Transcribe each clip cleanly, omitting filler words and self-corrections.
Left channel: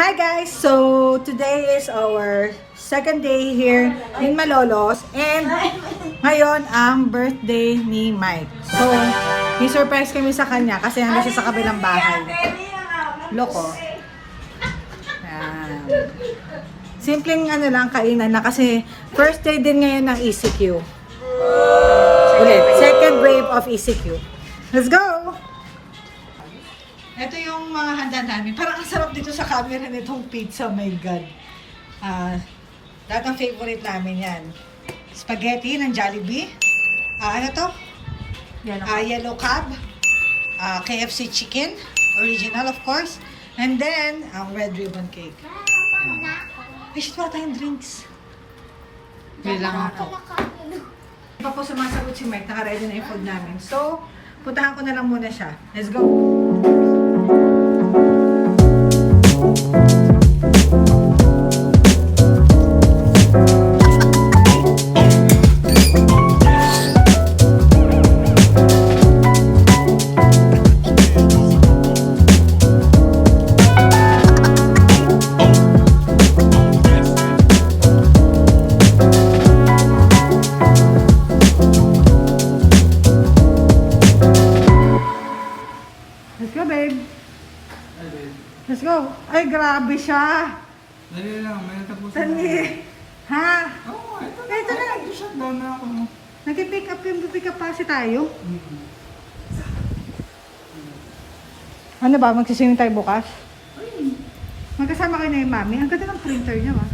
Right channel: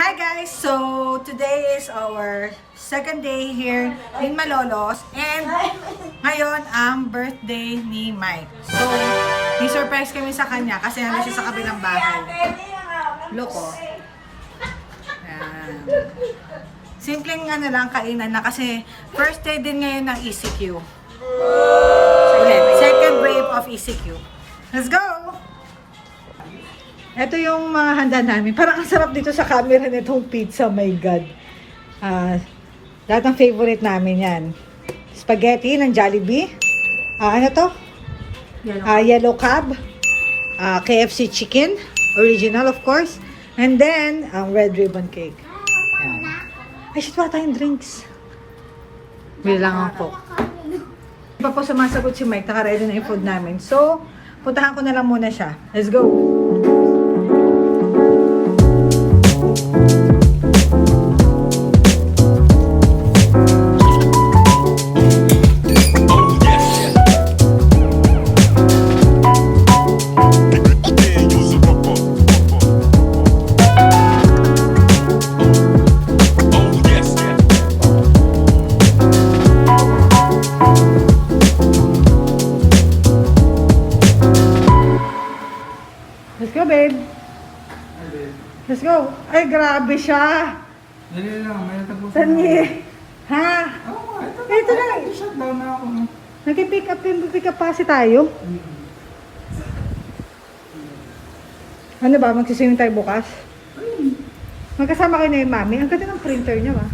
Hi guys! So, today is our second day here in Malolos and ngayon ang birthday ni Mike. So, ni-surprise kami sa kanya kasi nandun siya sa kabilang bahay. Loko. Simpleng ano lang kainan na kasi first day din ngayon ng ECQ. Ulit, second wave of ECQ. Let's go! Ito yung mga handa namin. Parang ang sarap dito sa camera nitong pizza. My God. Lahat ng favorite namin yan. Spaghetti ng Jollibee. Ano to? Yellow Cab. KFC chicken. Original, of course. And then, red ribbon cake. Ay, shit, wala tayong drinks. Bilang ako. Hindi pa po sumasagot si Mike. Naka-ready na yung food namin. So, puntahan ko na lang muna siya. Let's go! Let's go, babe. Ay, babe. Let's go. Ay, grabe siya. Dali lang, may natapusin Tani. Ha? Oo, ito na. Ito na. I-shutdown na ako. Nag-pick up kasi tayo. Ano ba? Magsiswimming tayo bukas? Magkasama kayo na yung mami. Ang ganda ng printer niya ba?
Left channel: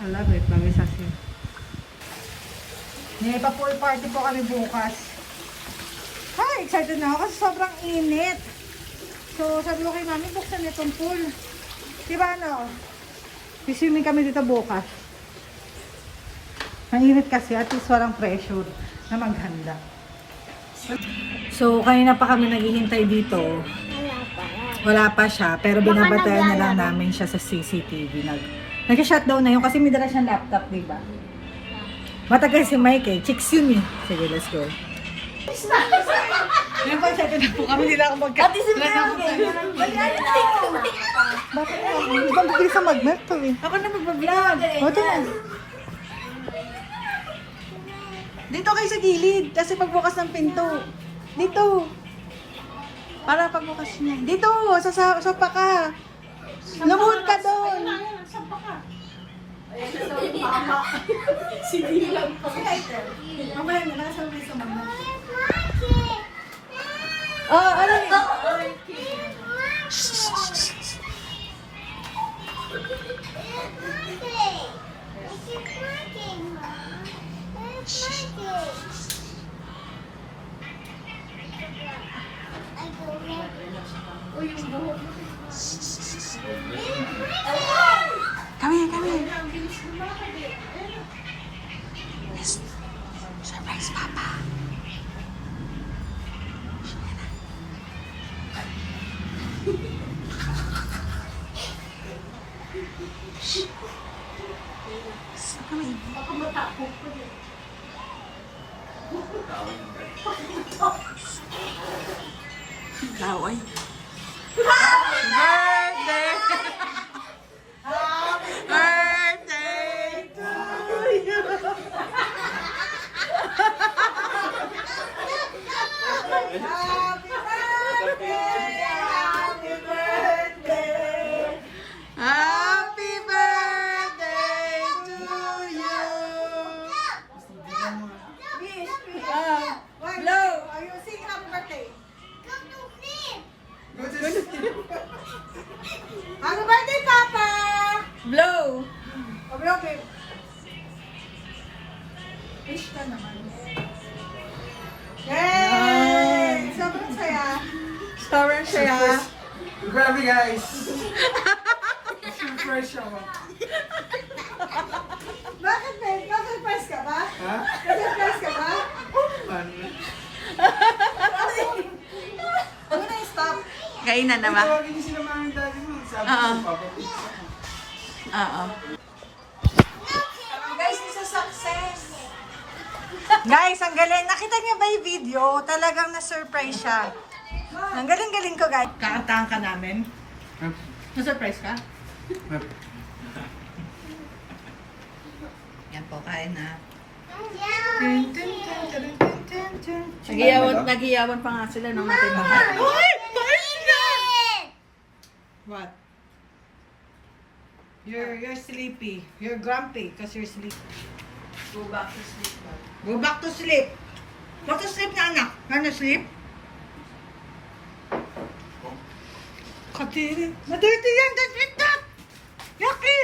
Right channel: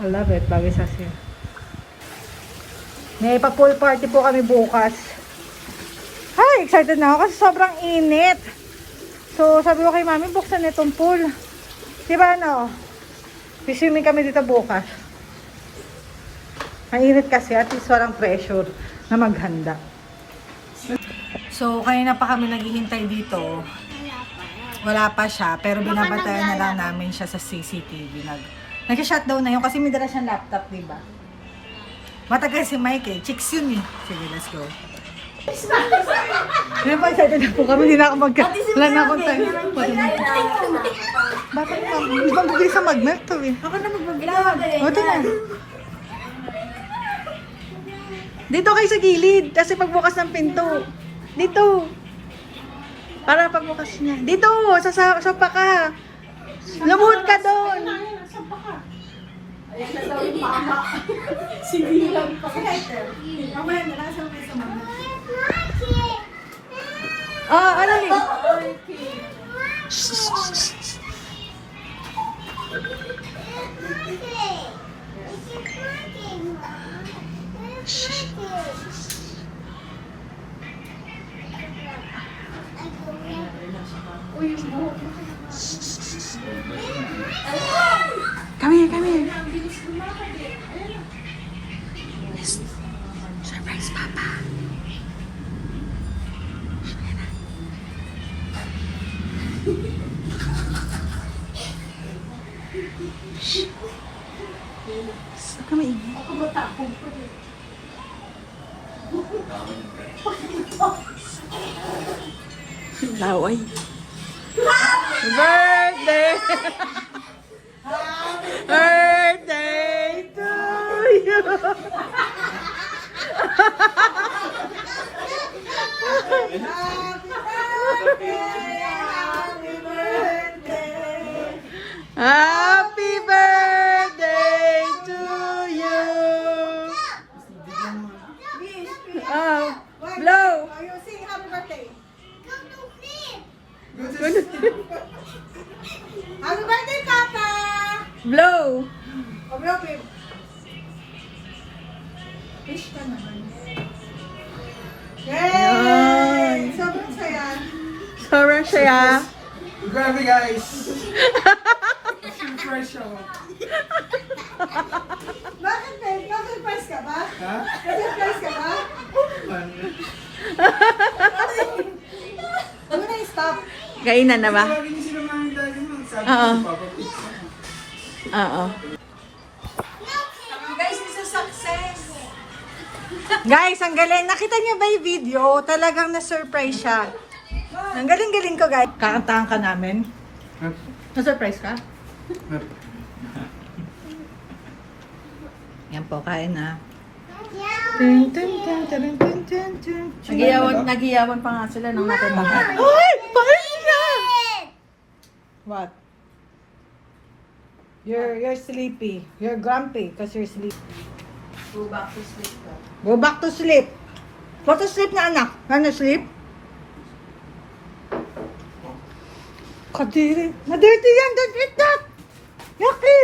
I love it. Bagay sa siya. May pa-pool party po kami bukas. Ay, excited na ako kasi sobrang init. So, sabi ko kay mami, buksan na itong pool. Diba ano? Swimming kami dito bukas. Ang init kasi, at least walang pressure na maghanda. So, kanina pa kami naghihintay dito. Wala pa siya, pero binabantayan na lang namin siya sa CCTV. Nag-shutdown na yun kasi may dala siyang laptop, diba? Matagal si Mike eh. Chicks yun eh. Sige, let's go. Ngayon pa, excited na po kami. Hindi na ako wala na akong time. Magbigay sa magnet to eh. Ako na mag-vlog. Ito na. Dito kayo sa gilid. Kasi pagbukas ng pinto. Dito. Para pagbukas niya. Dito. Sa ka. Lumuhod ka doon. Sibilang pa. Mamaya na. Nasa may sa mama. Ano mo? Come here. Surprise, Papa. Saan ka maingay? Baka matapong po yun. Laway. Birthday! Birthday to you! Happy birthday to you! Blow! You sing happy birthday. Happy birthday, Papa! Blow! Blow, babe. Wish ka naman. Yay! Sobrang saya. Sobrang saya. Grabe, guys. Surprise ako. Bakit, babe? Na-surprise ka ba? Ha? Na-surprise ka ba? Ano? Ano na i-stop? Kainan na ba? Lagi niyo sila mga dali mo. Sabi Oo. ko, Papa, please. Oo. Guys, this is success. Guys, ang galing. Nakita niyo ba yung video? Talagang na-surprise siya. Ang galing-galing ko, guys. Kakantahan ka namin. Na-surprise ka? Yan po, kain na. Nagiyawan pa nga sila ng matanda. Uy! Parin na! What? You're sleepy. You're grumpy because you're sleepy. Go back to sleep po. Go back to sleep. Go to sleep na anak. Wanna sleep? Kadiri. Nadirty yan. Don't eat that. Yucky.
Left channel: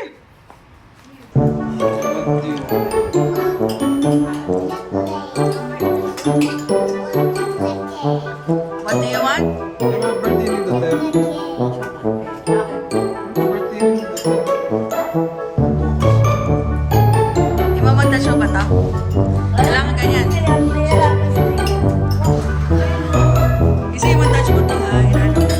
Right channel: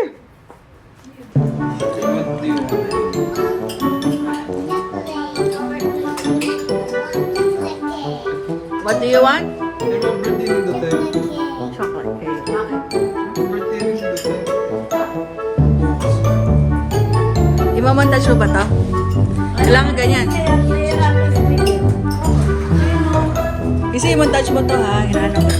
What do you want? Imamontage mo ba to? Kailangan ganyan. Kasi i-montage mo to ha. Hinanap